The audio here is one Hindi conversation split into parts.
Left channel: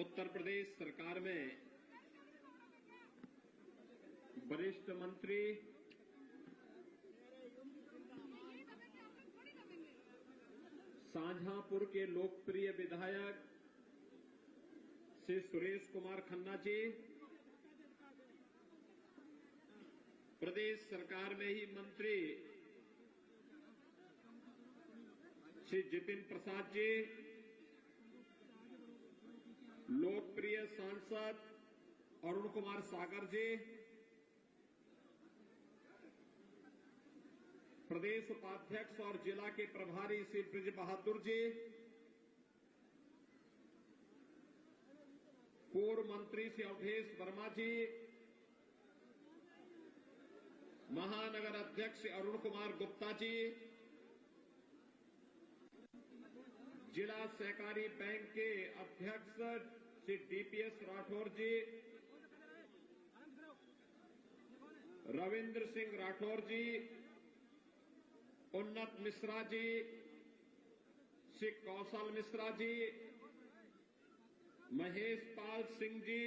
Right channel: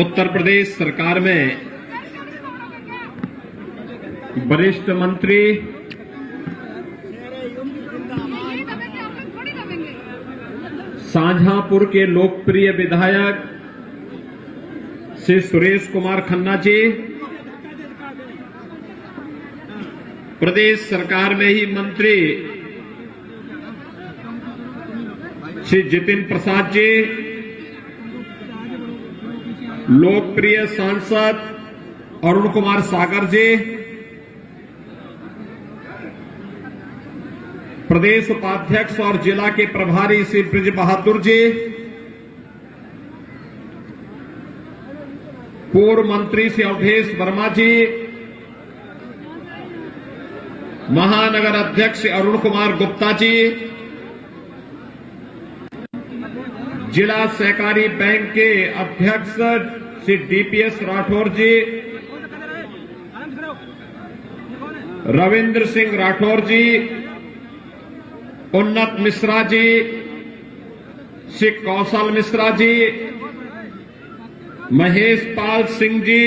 उत्तर प्रदेश सरकार में वरिष्ठ मंत्री शाहजहांपुर के लोकप्रिय विधायक श्री सुरेश कुमार खन्ना जी, प्रदेश सरकार में ही मंत्री श्री जितिन प्रसाद जी, लोकप्रिय सांसद अरुण कुमार सागर जी, प्रदेश उपाध्यक्ष और जिला के प्रभारी श्री ब्रिज बहादुर जी, पूर्व मंत्री श्री अवधेश वर्मा जी, महानगर अध्यक्ष अरुण कुमार गुप्ता जी, जिला सहकारी बैंक के अध्यक्ष श्री डीपीएस राठौर जी, रविंद्र सिंह राठौर जी, उन्नत मिश्रा जी, श्री कौशल मिश्रा जी, महेश पाल सिंह जी,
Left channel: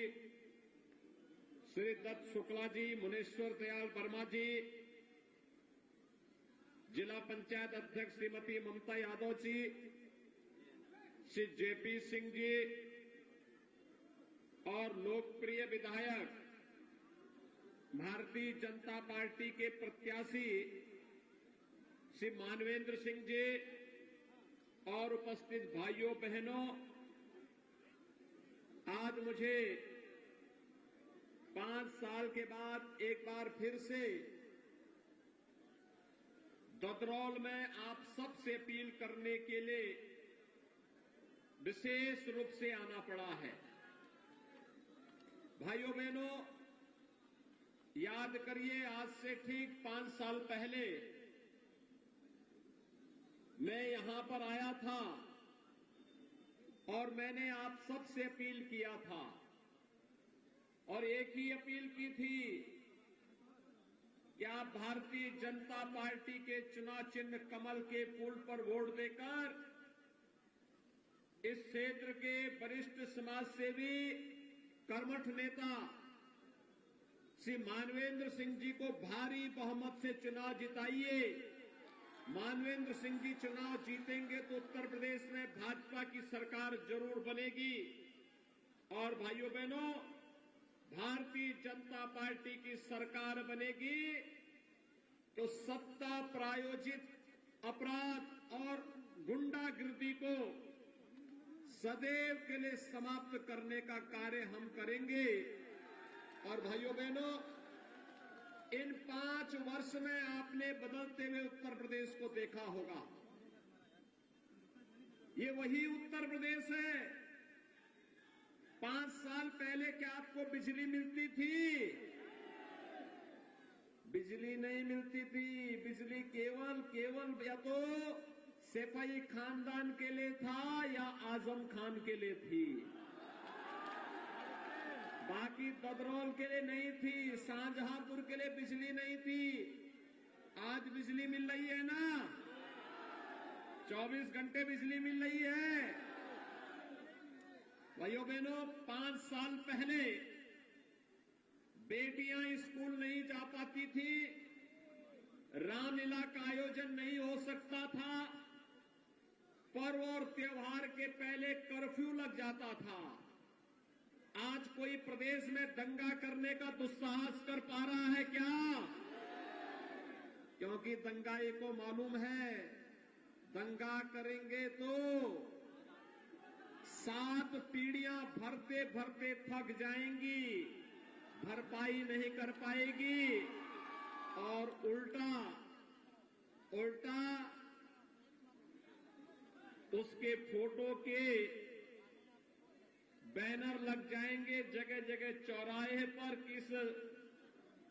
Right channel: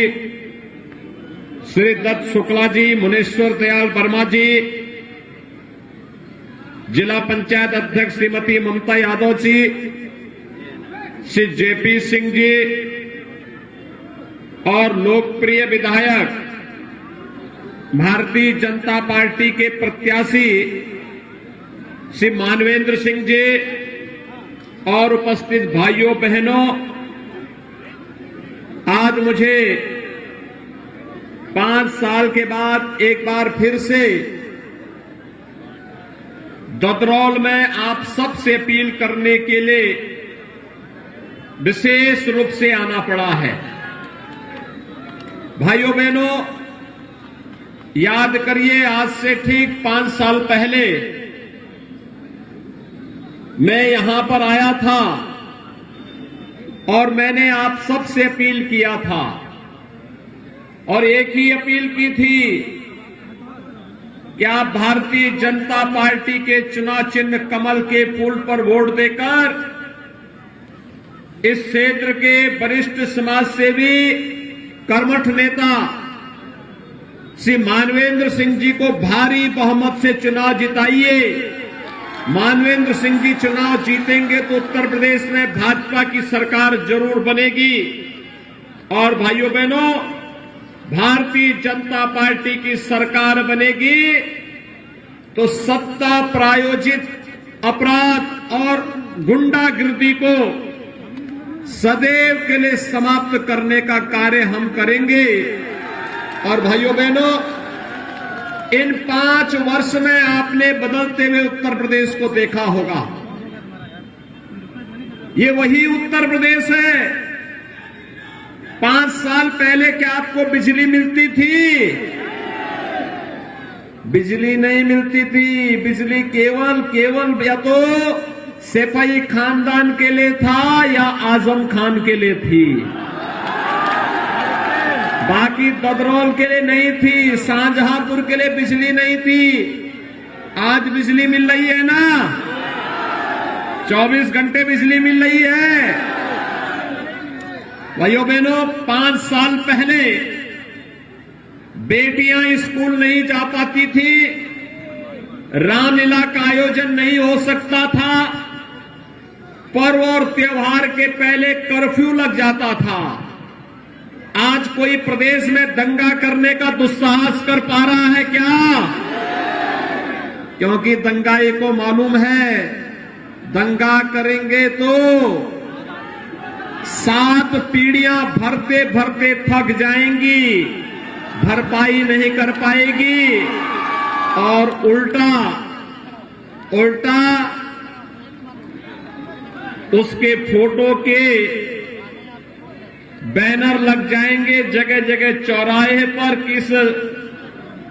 श्री दत्त शुक्ला जी, मुनेश्वर दयाल वर्मा जी, जिला पंचायत अध्यक्ष श्रीमती ममता यादव जी, श्री जेपी सिंह जी और लोकप्रिय विधायक भारतीय जनता पार्टी के प्रत्याशी श्री मानवेंद्र सिंह जी और उपस्थित भाइयों बहनों, आज मुझे 5 साल के बाद एक बार फिर से ददरौल में आप सबसे अपील करने के लिए विशेष रूप से आना पड़ा है। भाइयों बहनों, याद करिए, आज से ठीक 5 साल पहले मैं यहां पर आया था और मैंने आप सबसे अपील किया था और एक ही अपील की थी कि आप भारतीय जनता पार्टी के चुनाव चिन्ह कमल के फूल पर वोट देकर इस क्षेत्र के वरिष्ठ समाज सेवी कर्मठ नेता श्री मानवेंद्र सिंह जी को भारी बहुमत से चुनाव जिताइए। मानवेंद्र सिंह जी चुनाव जीतेंगे तो उत्तर प्रदेश में भाजपा की सरकार जरूर बनेगी और भाइयों बहनों, भारतीय जनता पार्टी की सरकार बनेगी तो सत्ता प्रायोजित अपराध और गुंडागिर्दी को सदैव के लिए समाप्त करने का कार्य हम करेंगे। और भाइयों बहनों, इन 5 वर्ष में आपने बदलते हुए उत्तर प्रदेश को देखा होगा। ये वही उत्तर प्रदेश है। 5 साल पहले क्या आपको बिजली मिलती थी? बिजली नहीं मिलती थी। बिजली केवल या तो सैफई खानदान के लिए था या आजम खान के लिए थी, बाकी ददरौल के लिए नहीं थी, शाहजहांपुर के लिए बिजली नहीं थी। आज बिजली मिल रही है ना, 24 घंटे बिजली मिल रही है। भाइयों बहनों, 5 साल पहले बेटियां स्कूल नहीं जा पाती थी, रामलीला का आयोजन नहीं हो सकता था, पर्व और त्योहार के पहले कर्फ्यू लग जाता था। आज कोई प्रदेश में दंगा करने का दुस्साहस कर पा रहा है क्या? क्योंकि दंगाई को मालूम है, दंगा करेंगे तो 7 पीढ़ियां भरते भरते थक जाएंगी, भरपाई नहीं कर पाएगी और उल्टा उसके फोटो के बैनर लग जाएंगे जगह जगह चौराहे पर। किस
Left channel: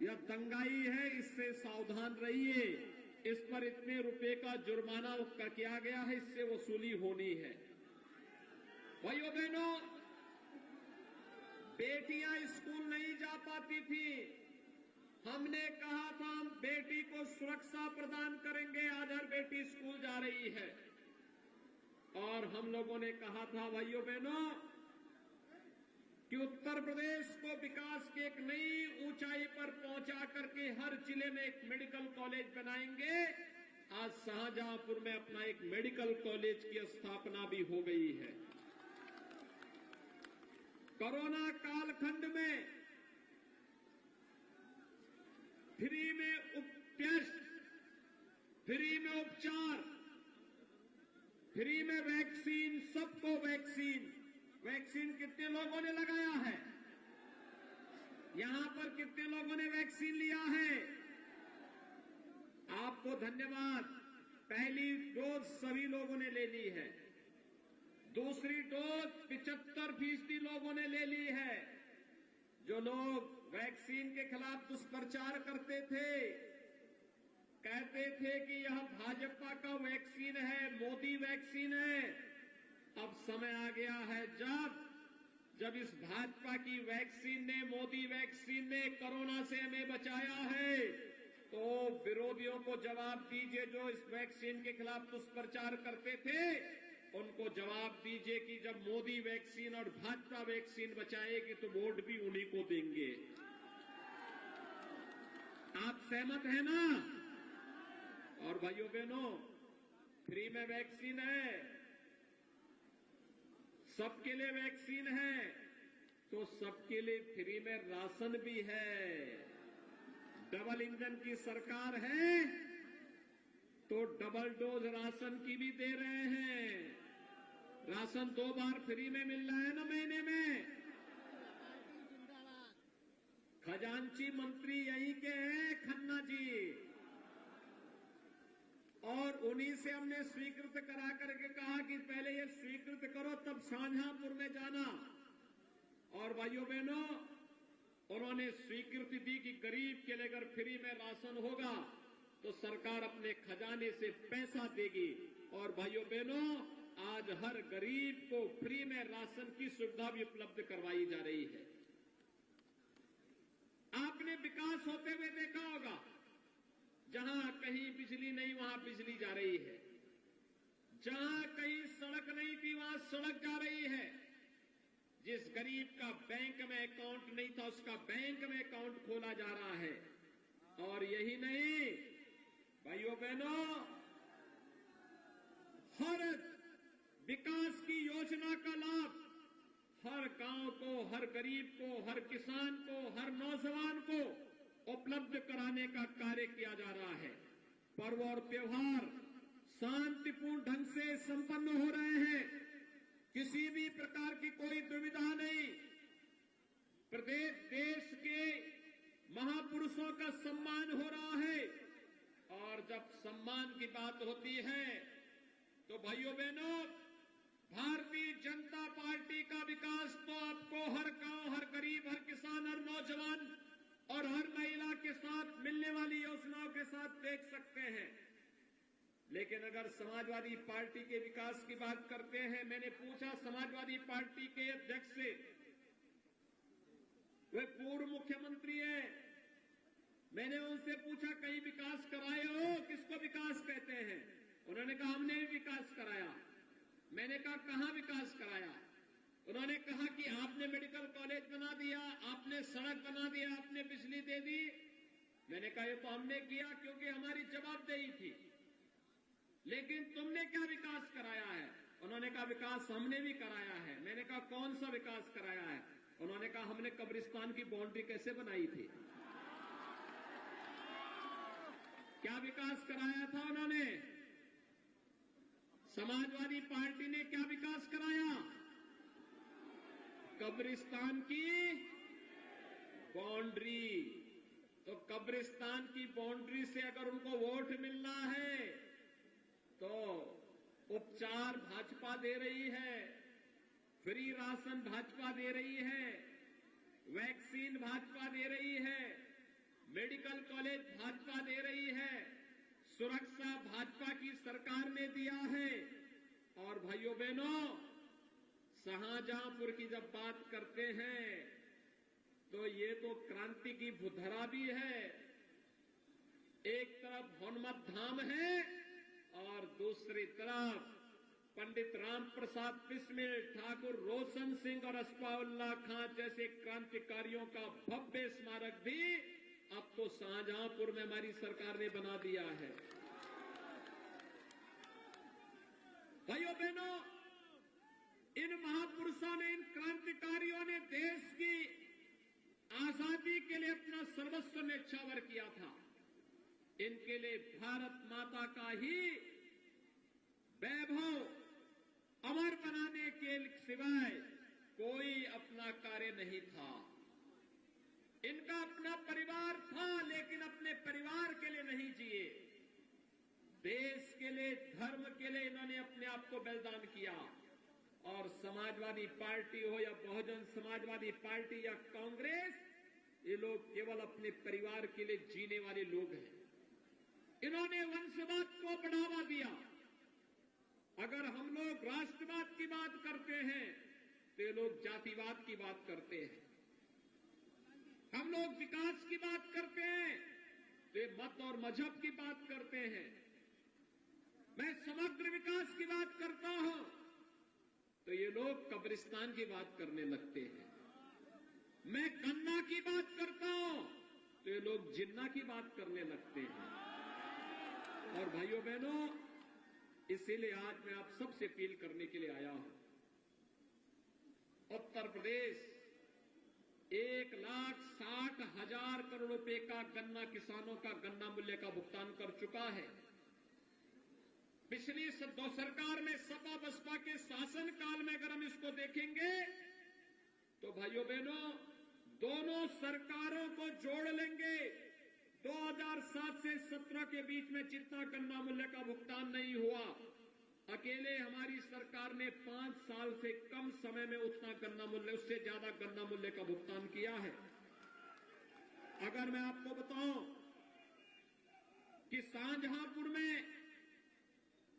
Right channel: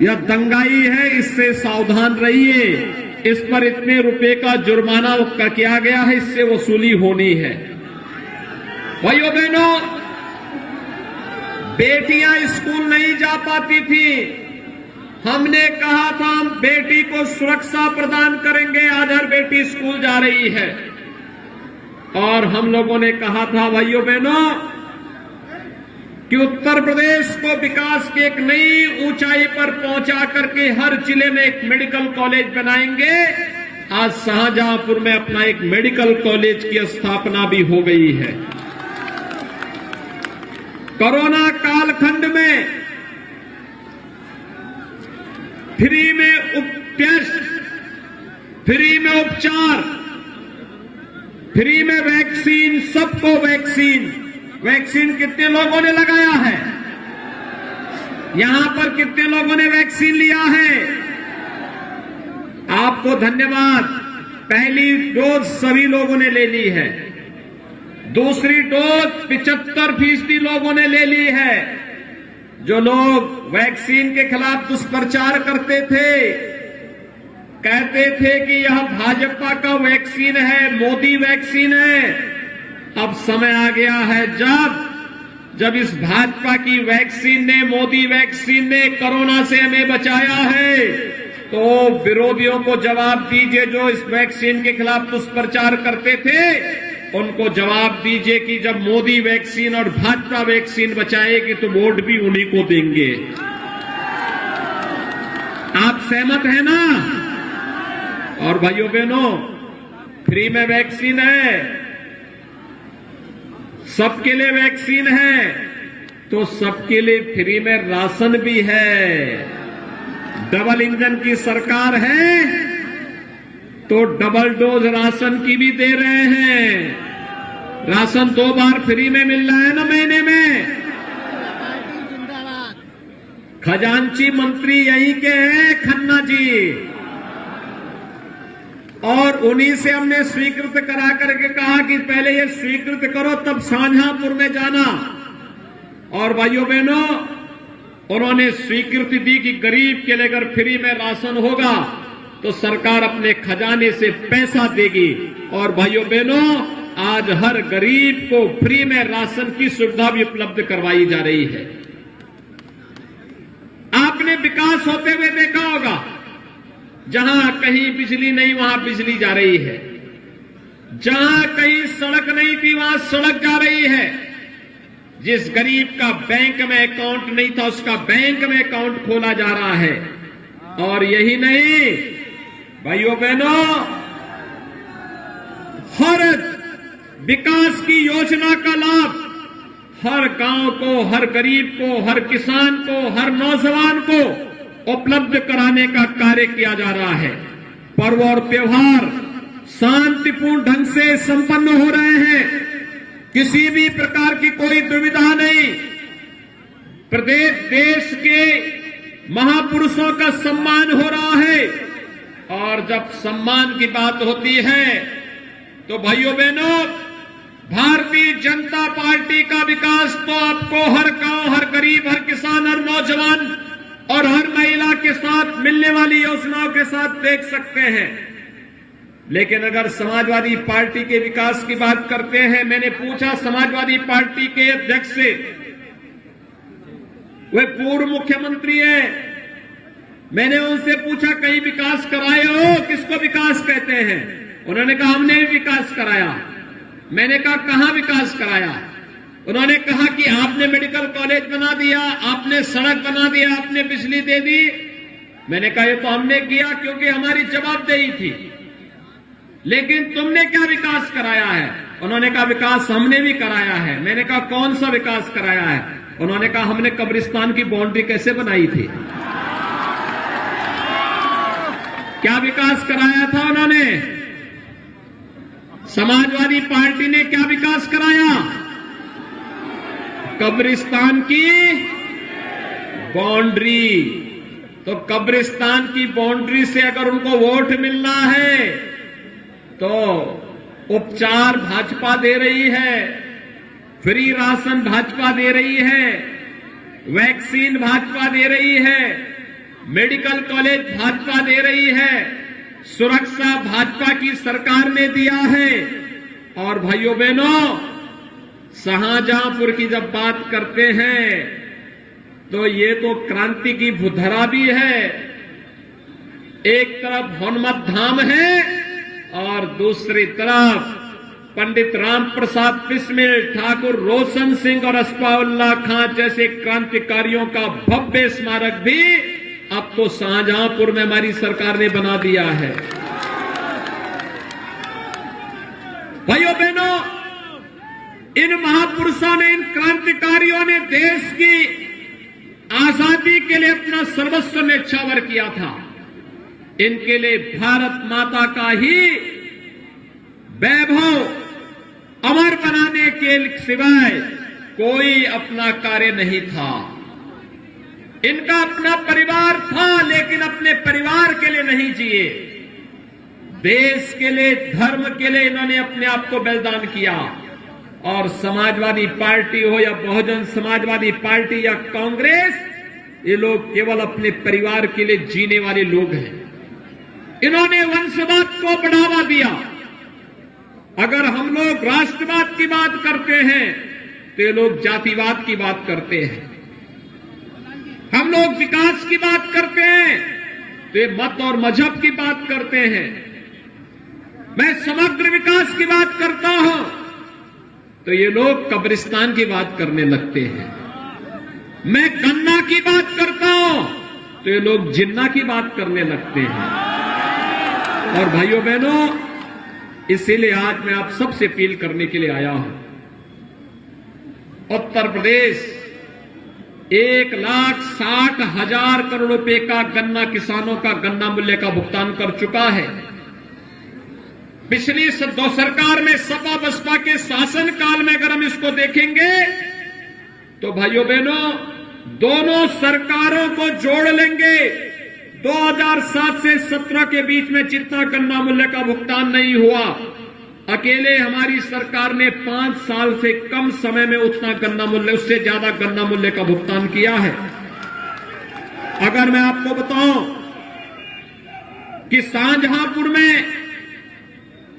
यह दंगाई है, इससे सावधान रहिए, इस पर इतने रुपए का जुर्माना किया गया है, इससे वसूली होनी है। भाइयों बहनों, बेटियां स्कूल नहीं जा पाती थी, हमने कहा था हम बेटी को सुरक्षा प्रदान करेंगे। आज हर बेटी स्कूल जा रही है और हम लोगों ने कहा था भाइयों बहनों कि उत्तर प्रदेश को विकास की एक नई ऊंचाई पर पहुंचा करके हर जिले में एक मेडिकल कॉलेज बनाएंगे। आज शाहजहांपुर में अपना एक मेडिकल कॉलेज की स्थापना भी हो गई है। कोरोना कालखंड में फ्री में टेस्ट, फ्री में उपचार, फ्री में वैक्सीन, सबको वैक्सीन। वैक्सीन कितने लोगों ने लगाया है? यहां पर कितने लोगों ने वैक्सीन लिया है? आपको धन्यवाद। पहली डोज सभी लोगों ने ले ली है। दूसरी डोज 75% लोगों ने ले ली है। जो लोग वैक्सीन के खिलाफ दुष्प्रचार करते थे, कहते थे कि यह भाजपा का वैक्सीन है, मोदी वैक्सीन है, अब समय आ गया है जब इस भाजपा की वैक्सीन ने, मोदी वैक्सीन ने कोरोना से हमें बचाया है, तो विरोधियों को जवाब दीजिए। जो इस वैक्सीन के खिलाफ दुष्प्रचार करते थे, उनको जवाब दीजिए कि जब मोदी वैक्सीन और भाजपा वैक्सीन बचाएगी तो वोट भी उन्हीं को देंगे। आप सहमत हैं ना? और भाइयों बहनों, फ्री में वैक्सीन है, सबके लिए वैक्सीन है, तो सबके लिए फ्री में राशन भी है। डबल इंजन की सरकार है तो डबल डोज राशन की भी दे रहे हैं। राशन 2 बार फ्री में मिल रहा है ना महीने में। खजांची मंत्री यहीं के हैं, खन्ना जी, और उन्हीं से हमने स्वीकृत करा करके कहा कि पहले ये स्वीकृत करो तब शाहजहांपुर में जाना। और भाइयों बहनों, उन्होंने स्वीकृति दी कि गरीब के लिए अगर फ्री में राशन होगा तो सरकार अपने खजाने से पैसा देगी। और भाइयों बहनों, आज हर गरीब को फ्री में राशन की सुविधा भी उपलब्ध करवाई जा रही है। आपने विकास होते हुए देखा होगा, जहां कहीं बिजली नहीं वहां बिजली जा रही है, जहां कहीं सड़क नहीं थी वहां सड़क जा रही है। जिस गरीब का बैंक में अकाउंट नहीं था उसका बैंक में अकाउंट खोला जा रहा है। और यही नहीं भाइयों बहनों, हर विकास की योजना का लाभ हर गांव को, हर गरीब को, हर किसान को, हर नौजवान को उपलब्ध कराने का कार्य किया जा रहा है। पर्व और त्योहार शांतिपूर्ण ढंग से संपन्न हो रहे हैं, किसी भी प्रकार की कोई दुविधा नहीं। प्रदेश देश के महापुरुषों का सम्मान हो रहा है। और जब सम्मान की बात होती है तो भाइयों बहनों, भारतीय जनता पार्टी का विकास तो आपको हर गांव, हर गरीब, हर किसान, हर नौजवान और हर महिला के साथ मिलने वाली योजनाओं के साथ देख सकते हैं। लेकिन अगर समाजवादी पार्टी के विकास की बात करते हैं, मैंने पूछा समाजवादी पार्टी के अध्यक्ष से, वे पूर्व मुख्यमंत्री हैं, मैंने उनसे पूछा कहीं विकास कराए हो? किसको विकास कहते हैं? उन्होंने कहा हमने भी विकास कराया। मैंने कहा कहां विकास कराया? उन्होंने कहा कि आपने मेडिकल कॉलेज बना दिया, आपने सड़क बना दिया, आपने बिजली दे दी। मैंने कहा ये तो हमने किया क्योंकि हमारी जवाबदेही थी, लेकिन तुमने क्या विकास कराया है? उन्होंने कहा विकास हमने भी कराया है। मैंने कहा कौन सा विकास कराया है? उन्होंने कहा हमने कब्रिस्तान की बाउंड्री कैसे बनाई थी। क्या विकास कराया था उन्होंने? समाजवादी पार्टी ने क्या विकास कराया? कब्रिस्तान की बाउंड्री। तो कब्रिस्तान की बाउंड्री से अगर उनको वोट मिलना है तो उपचार भाजपा दे रही है, फ्री राशन भाजपा दे रही है, वैक्सीन भाजपा दे रही है, मेडिकल कॉलेज भाजपा दे रही है, सुरक्षा भाजपा की सरकार ने दिया है। और भाइयों बहनों, शाहजहांपुर की जब बात करते हैं तो ये तो क्रांति की भूधरा भी है। एक तरफ हनुमत धाम है और दूसरी तरफ पंडित राम प्रसाद बिस्मिल, ठाकुर रोशन सिंह और असफाउल्लाह खां जैसे क्रांतिकारियों का भव्य स्मारक भी अब तो शाहजहांपुर में हमारी सरकार ने बना दिया है। भाइयों बहनों, इन महापुरुषों ने, इन क्रांतिकारियों ने देश की आजादी के लिए अपना सर्वस्व न्यौछावर किया था। इनके लिए भारत माता का ही वैभव अमर बनाने के सिवाय कोई अपना कार्य नहीं था। इनका अपना परिवार था, लेकिन अपने परिवार के लिए नहीं जिए। देश के लिए, धर्म के लिए इन्होंने अपने आप को बलिदान किया। और समाजवादी पार्टी हो या बहुजन समाजवादी पार्टी या कांग्रेस, ये लोग केवल अपने परिवार के लिए जीने वाले लोग हैं। इन्होंने वंशवाद को बढ़ावा दिया। अगर हम लोग राष्ट्रवाद की बात करते हैं तो ये लोग जातिवाद की बात करते हैं। हम लोग विकास की बात करते हैं तो ये मत और मजहब की बात करते हैं। मैं समग्र विकास की बात करता हूं तो ये लोग कब्रिस्तान की बात करने लगते हैं। मैं गन्ना की बात करता हूं तो ये लोग जिन्ना की बात करने लगते हैं। और भाइयों बहनों, इसीलिए आज मैं आप सबसे अपील करने के लिए आया हूं। उत्तर प्रदेश 1,60,000 करोड़ रुपए का गन्ना, किसानों का गन्ना मूल्य का भुगतान कर चुका है। पिछली दो सरकार में, सपा बसपा के शासन काल में अगर हम इसको देखेंगे तो भाइयों बहनों, दोनों सरकारों को जोड़ लेंगे, 2007 से 17 के बीच में जितना गन्ना मूल्य का भुगतान नहीं हुआ, अकेले हमारी सरकार ने 5 साल से कम समय में उतना गन्ना मूल्य, उससे ज्यादा गन्ना मूल्य का भुगतान किया है। अगर मैं आपको बताऊं कि शाहजहांपुर में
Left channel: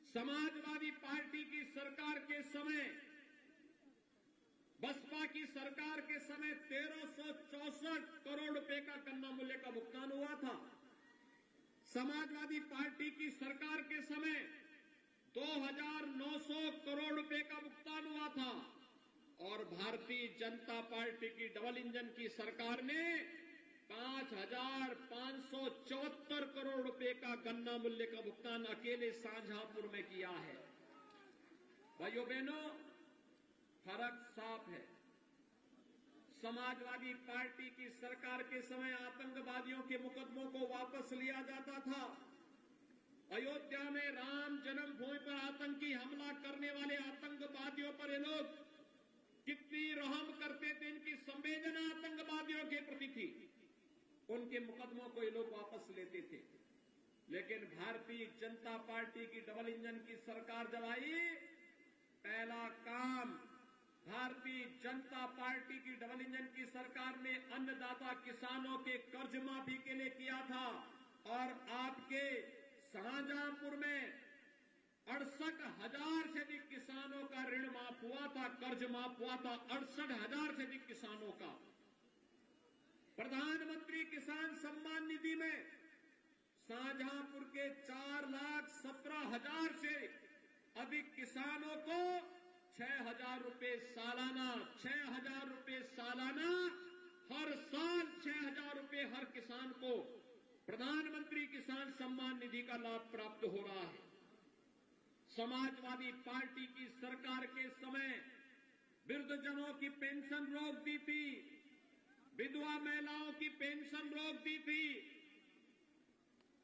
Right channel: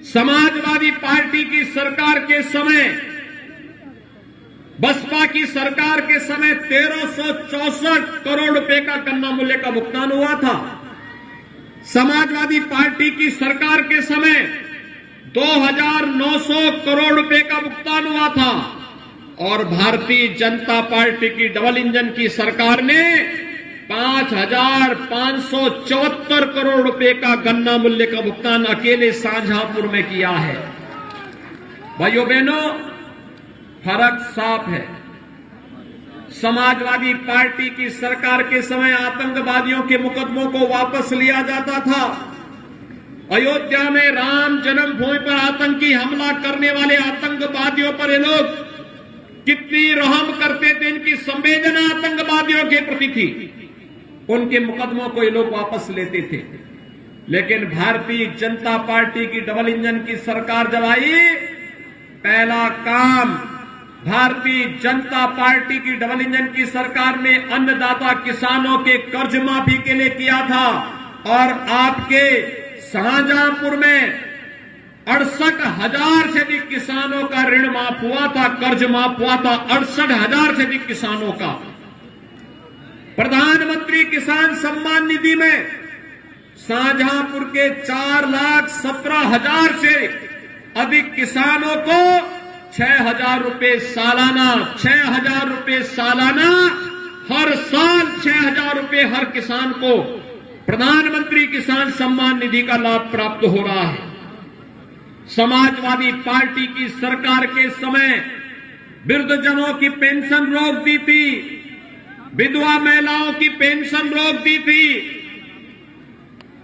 समाजवादी पार्टी की सरकार के समय, बसपा की सरकार के समय 1364 करोड़ रुपए का गन्ना मूल्य का भुगतान हुआ था। समाजवादी पार्टी की सरकार के समय 2,900 करोड़ रुपए का भुगतान हुआ था। और भारतीय जनता पार्टी की डबल इंजन की सरकार ने 5,574 करोड़ रुपए का गन्ना मूल्य का भुगतान अकेले शाहजहांपुर में किया है। भाइयों बहनों, फर्क साफ है। समाजवादी पार्टी की सरकार के समय आतंकवादियों के मुकदमों को वापस लिया जाता था। अयोध्या में राम जन्मभूमि पर आतंकी हमला करने वाले आतंकवादियों पर ये लोग कितनी रहम करते थे, इनकी संवेदना आतंकवादियों के प्रति थी। उनके मुकदमों को ये लोग वापस लेते थे। लेकिन भारतीय जनता पार्टी की डबल इंजन की सरकार जब आई, पहला काम भारतीय जनता पार्टी की डबल इंजन की सरकार ने अन्नदाता किसानों के कर्ज माफी के लिए किया था। और आपके शाहजहांपुर में 68,000 से अधिक किसानों का ऋण माफ हुआ था, कर्ज माफ हुआ था 68,000 से अधिक किसानों का। प्रधानमंत्री किसान सम्मान निधि में शाहजहांपुर के 4,17,000 से अधिक किसानों को 6,000 रुपए सालाना, 6,000 रुपए सालाना, हर साल 6,000 रुपए हर किसान को प्रधानमंत्री किसान सम्मान निधि का लाभ प्राप्त हो रहा है। समाजवादी पार्टी की सरकार के समय वृद्धजनों की पेंशन रोक दी थी, विधवा महिलाओं की पेंशन रोक दी थी,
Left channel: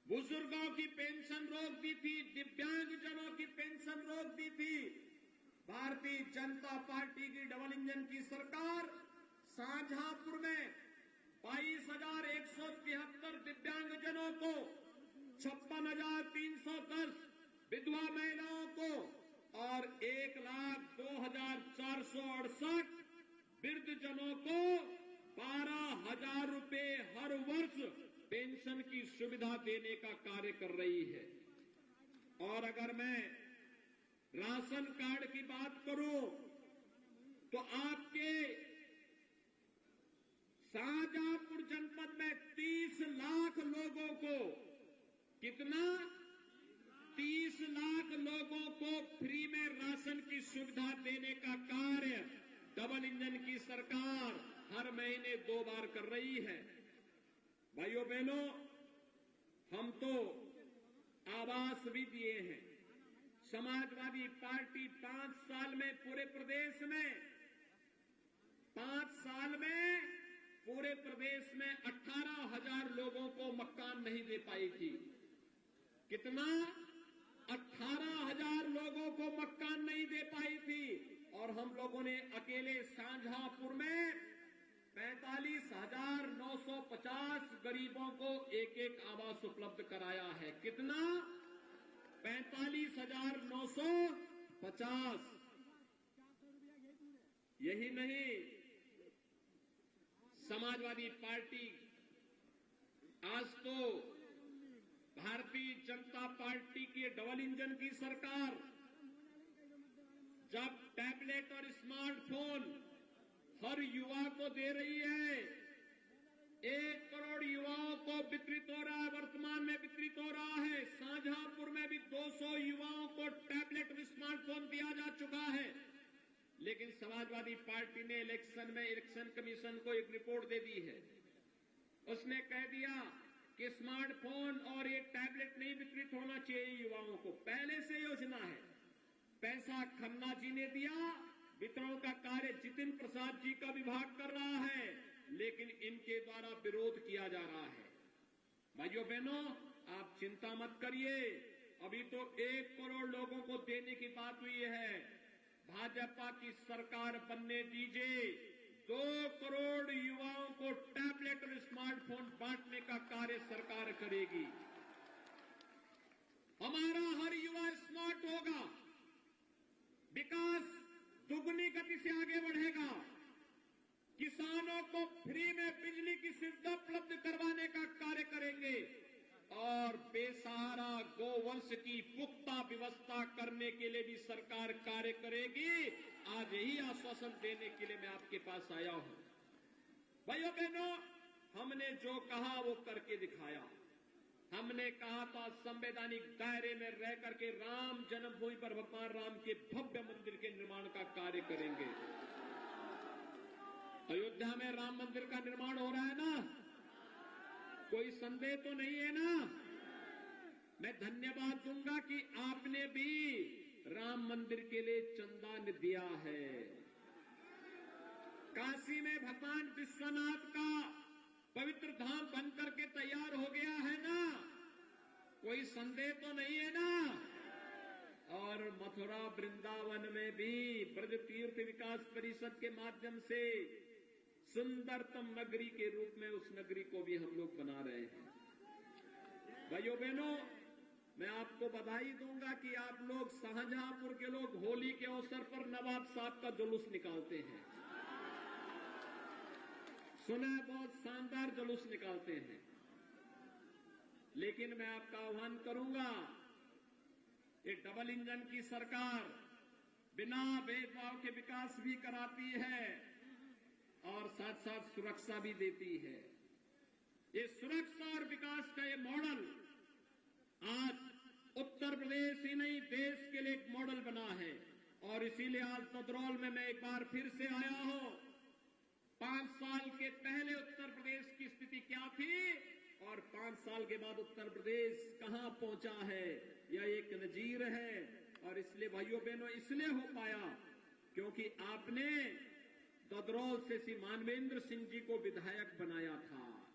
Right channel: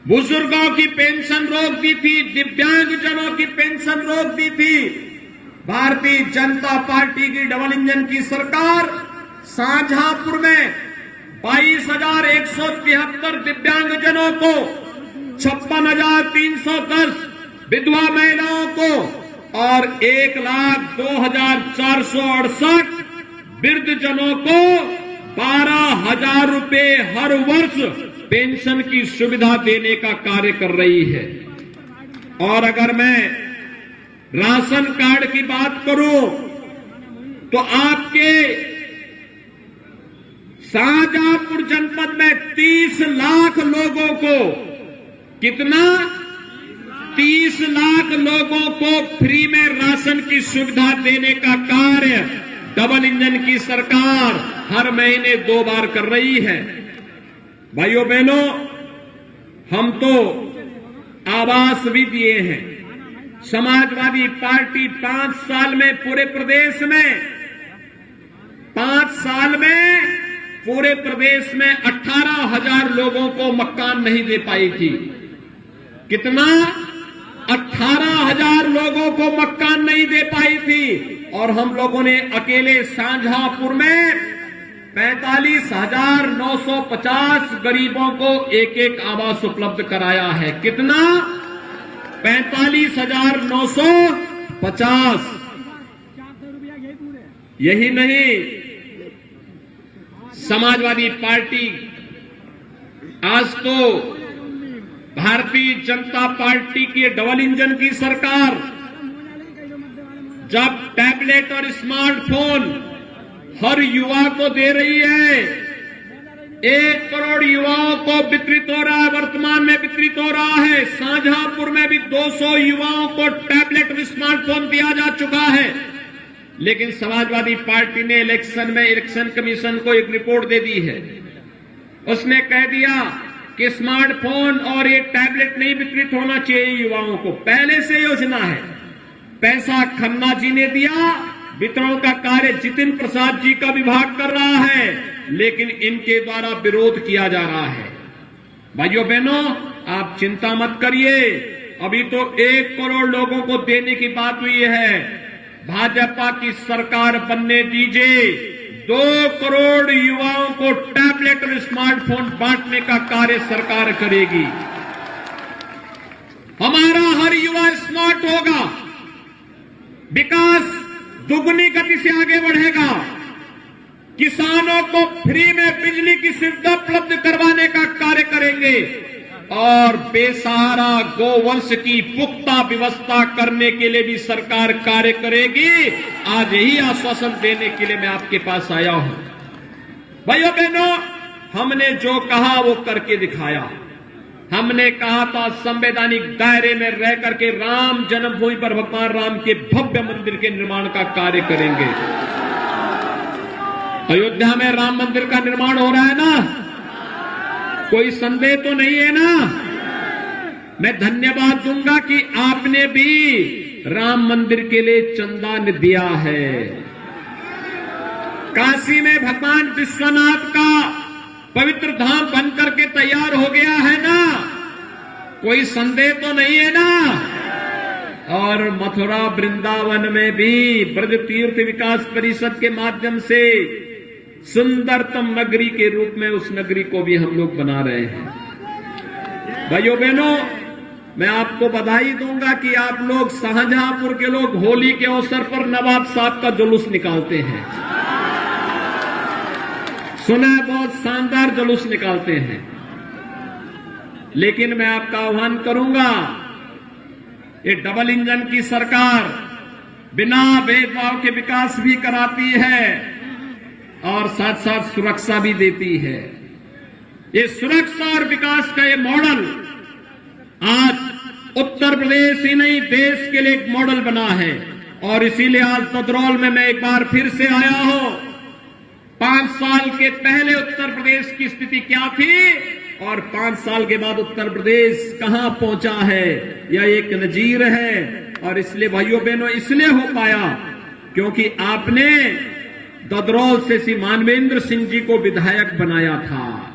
बुजुर्गों की पेंशन रोक दी थी, दिव्यांगजनों की पेंशन रोक दी थी। भारतीय जनता पार्टी की डबल इंजन की सरकार शाहजहांपुर में 22,173 दिव्यांगजनों को, 56,310 विधवा महिलाओं को और 1,02,468 वृद्धजनों को 12,000 रुपए हर वर्ष पेंशन की सुविधा देने का कार्य कर रही है। और अगर मैं राशन कार्ड की बात करूं तो आपके शाहजहांपुर जनपद में 30 लाख लोगों को, कितना, 30 लाख लोगों को फ्री में राशन की सुविधा देने का कार्य डबल इंजन की सरकार हर महीने 2 बार कर रही है। भाइयों बहनों, हम तो आवास भी दिए हैं। समाजवादी पार्टी 5 साल में पूरे प्रदेश में 5 साल में पूरे प्रदेश में 18,000 लोगों को मकान नहीं दे पाई थी। कितना? 18,000 लोगों को मकान नहीं दे पाई थी। और हम लोगों ने अकेले शाहजहांपुर में 45,950 गरीबों को एक आवास उपलब्ध कराया है। कितना? 45,950। यही नहीं, समाजवादी पार्टी आज तो भारतीय जनता पार्टी की डबल इंजन की सरकार जब टैबलेट और स्मार्टफोन हर युवा को दे रही है, 1 करोड़ युवाओं को वितरित हो रहा है, वर्तमान में वितरित हो रहा है। शाहजहांपुर में भी 200 युवाओं को टैबलेट और स्मार्टफोन दिया जा चुका है। लेकिन समाजवादी पार्टी ने इलेक्शन कमीशन को एक रिपोर्ट दे दी है। उसने कह दिया कि स्मार्टफोन और ये टैबलेट नहीं वितरित होना चाहिए युवाओं को। पहले से योजना है, पैसा खन्ना जी ने दिया, वितरण का कार्य जितिन प्रसाद जी का विभाग कर रहा है, लेकिन इनके द्वारा विरोध किया जा रहा है। भाइयों बहनों, आप चिंता मत करिए, अभी तो 1 करोड़ लोगों को देने की बात हुई है। भाजपा की सरकार बनने दीजिए, 2 करोड़ युवाओं को टैबलेट और स्मार्टफोन बांटने का कार्य सरकार करेगी। हमारा हर युवा स्मार्ट होगा, विकास दुगनी गति से आगे बढ़ेगा। किसानों को फ्री में बिजली की सुविधा उपलब्ध करवाने का कार्य करेंगे और बेसहारा गोवंश की पुख्ता व्यवस्था करने के लिए भी सरकार कार्य करेगी। आज यही आश्वासन देने के लिए मैं आपके पास आया हूं। भाइयों बहनों, हमने जो कहा वो करके दिखाया। हमने कहा था संवैधानिक दायरे में रह करके राम जन्मभूमि पर भगवान राम के भव्य मंदिर के निर्माण का कार्य करेंगे। अयोध्या में राम मंदिर का निर्माण हो रहा है ना, कोई संदेह तो नहीं है ना। मैं धन्यवाद दूंगा कि आपने भी राम मंदिर के लिए चंदा दिया है। काशी में भगवान विश्वनाथ का पवित्र धाम बनकर के तैयार हो गया है ना, कोई संदेह तो नहीं है ना। और मथुरा वृंदावन में भी ब्रज तीर्थ विकास परिषद के माध्यम से सुंदरतम नगरी के रूप में उस नगरी को भी हम लोग बना रहे हैं। भाइयों बहनों, मैं आपको बधाई दूंगा कि आप लोग शाहजहांपुर के लोग होली के अवसर पर नवाब साहब का जुलूस निकालते हैं। सुना है, बहुत शानदार जुलूस निकालते हैं। लेकिन मैं आपका आह्वान करूंगा, ये डबल इंजन की सरकार बिना भेदभाव के विकास भी कराती है और साथ साथ सुरक्षा भी देती है। ये सुरक्षा और विकास का ये मॉडल आज उत्तर प्रदेश ही नहीं देश के लिए एक मॉडल बना है। और इसीलिए आज तदरौल में मैं एक बार फिर से आया हूं। 5 साल के पहले उत्तर प्रदेश की स्थिति क्या थी और 5 साल के बाद उत्तर प्रदेश कहां पहुंचा है, यह एक नजीर है। और इसलिए भाइयों बहनों, इसलिए हो पाया क्योंकि आपने ददरौल से श्री मानवेंद्र सिंह जी को विधायक बनाया था।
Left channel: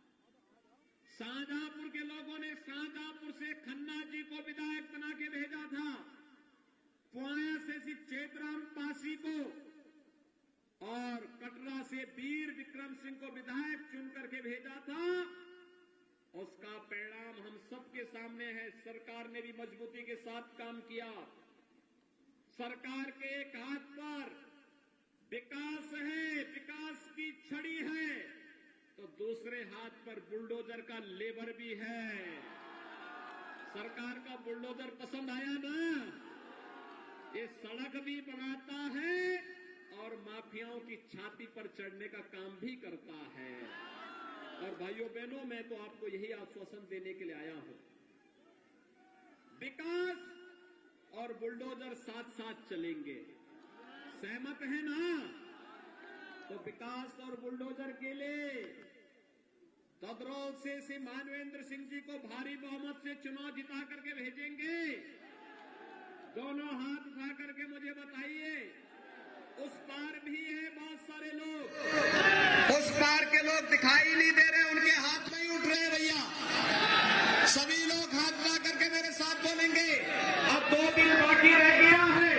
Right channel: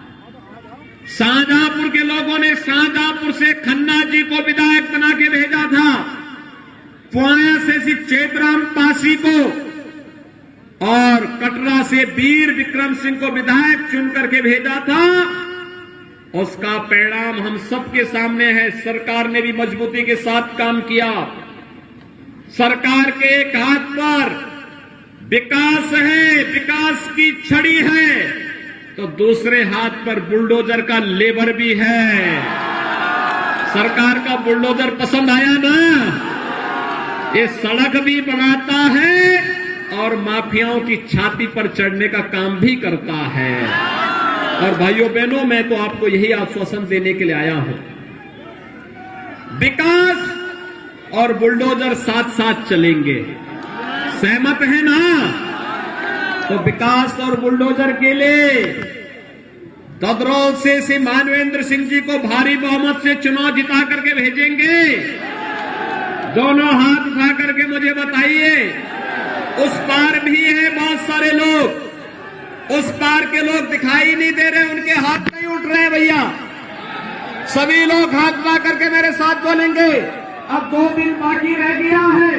शाहजहांपुर के लोगों ने शाहजहांपुर से खन्ना जी को विधायक बना के भेजा था। पुआया से श्री चेतराम पासी को और कटरा से वीर विक्रम सिंह को विधायक चुन करके भेजा था। उसका परिणाम हम सबके सामने है। सरकार ने भी मजबूती के साथ काम किया। सरकार के एक हाथ पर विकास है, विकास की छड़ी है, तो दूसरे हाथ पर बुलडोजर का लेबर भी है। सरकार का बुलडोजर पसंद आया ना? ये सड़क भी बनाता है और माफियाओं की छाती पर चढ़ने का काम भी करता है। और भाइयों बहनों, मैं तो आपको यही आश्वासन देने के लिए आया हूं। विकास और बुलडोजर साथ साथ चलेंगे। सहमत है ना? तो विकास और बुलडोजर के लिए ददरौल से श्री मानवेंद्र सिंह जी को भारी बहुमत से चुनाव जिता करके भेजेंगे। दोनों हाथ उठा करके मुझे बताइए। उस पार भी है बहुत सारे लोग, उस पार के लोग दिखाई नहीं दे रहे, उनके हाथ नहीं उठ रहे भैया। सभी लोग हाथ उठा करके मेरे साथ बोलेंगे। अब 2 दिन बाकी रह गया है,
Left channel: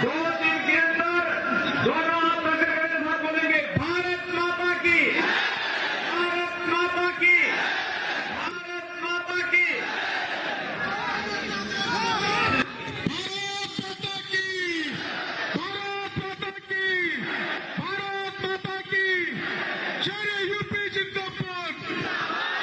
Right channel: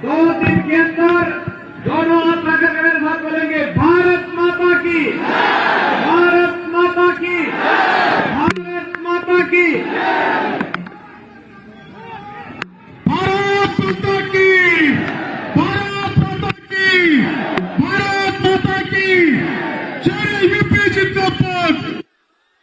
2 दिन के अंदर दोनों हाथ उठा करके मेरे साथ बोलेंगे, भारत माता की।